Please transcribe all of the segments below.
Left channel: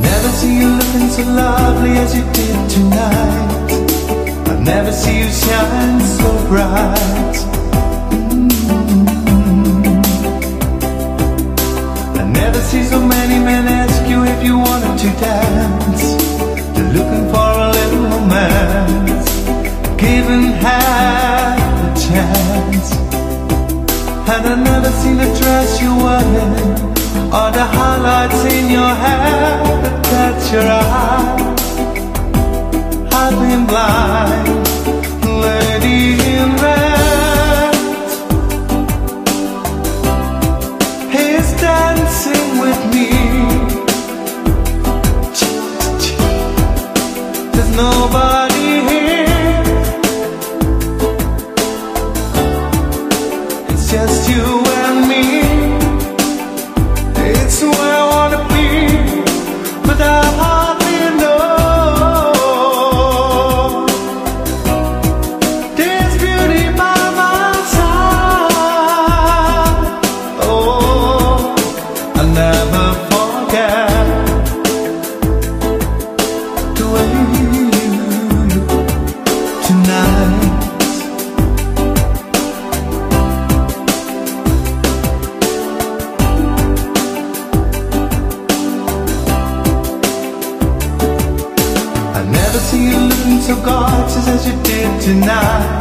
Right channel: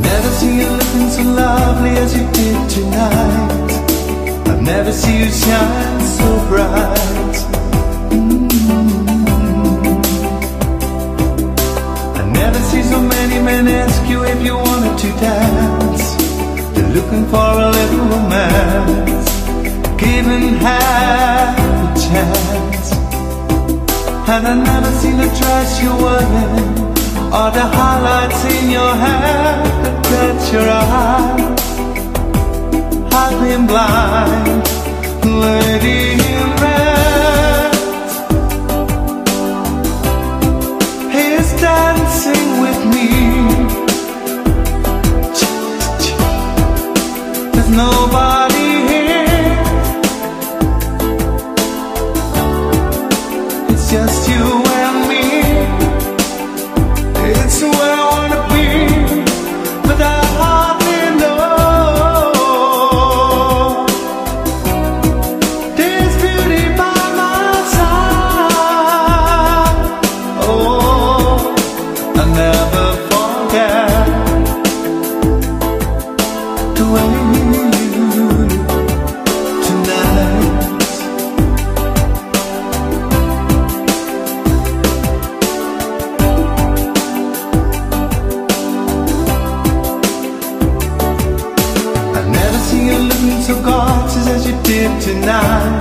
I've never seen you looking so lovely as you did tonight. I've never seen you shine so bright. I never see so many men ask you if you wanted to dance. They're looking for a little romance, given half a chance. And I never seen the dress you're wearing, or the highlights in your hair that catch your eyes. I've been blind, lady in red. He's dancing with me. There's nobody here. It's just you and me. It's where I wanna be, but I hardly know. There's beauty by my side. Oh, I'll never forget the way you look tonight. I never see you looking so gorgeous as you did tonight.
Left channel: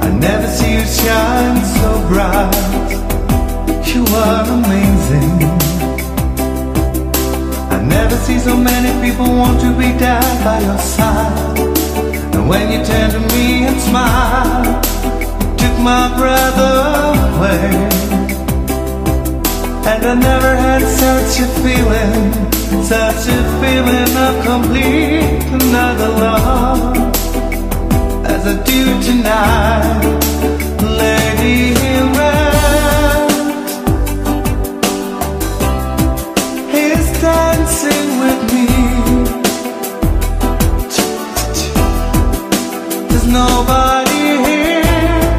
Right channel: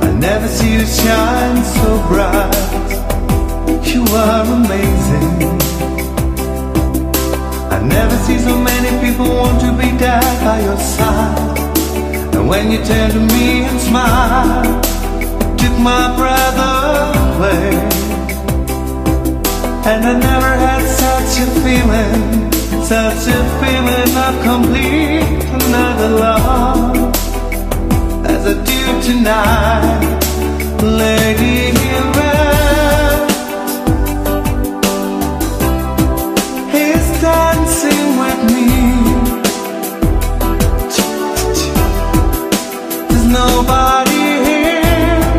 I never see you shine so bright. You are amazing. I never see so many people want to be there by your side. And when you turn to me and smile, it took my breath away. And I never had such a feeling of complete another love as I do tonight, lady in red. He's dancing with me. There's nobody here.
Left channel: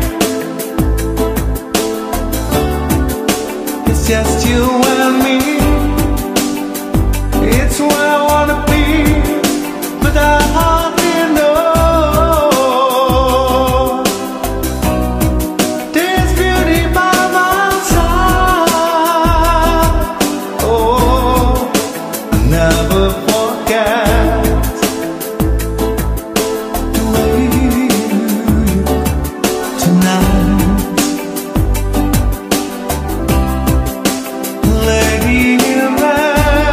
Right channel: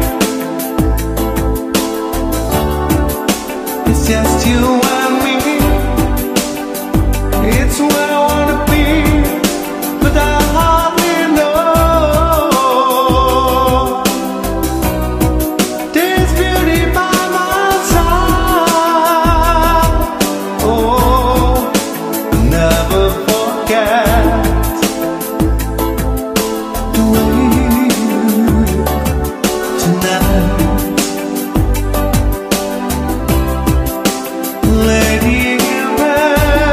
It's just you and me. It's where I wanna be, but I hardly know. There's beauty by my side. Oh, I'll never forget the way you look tonight, lady in red.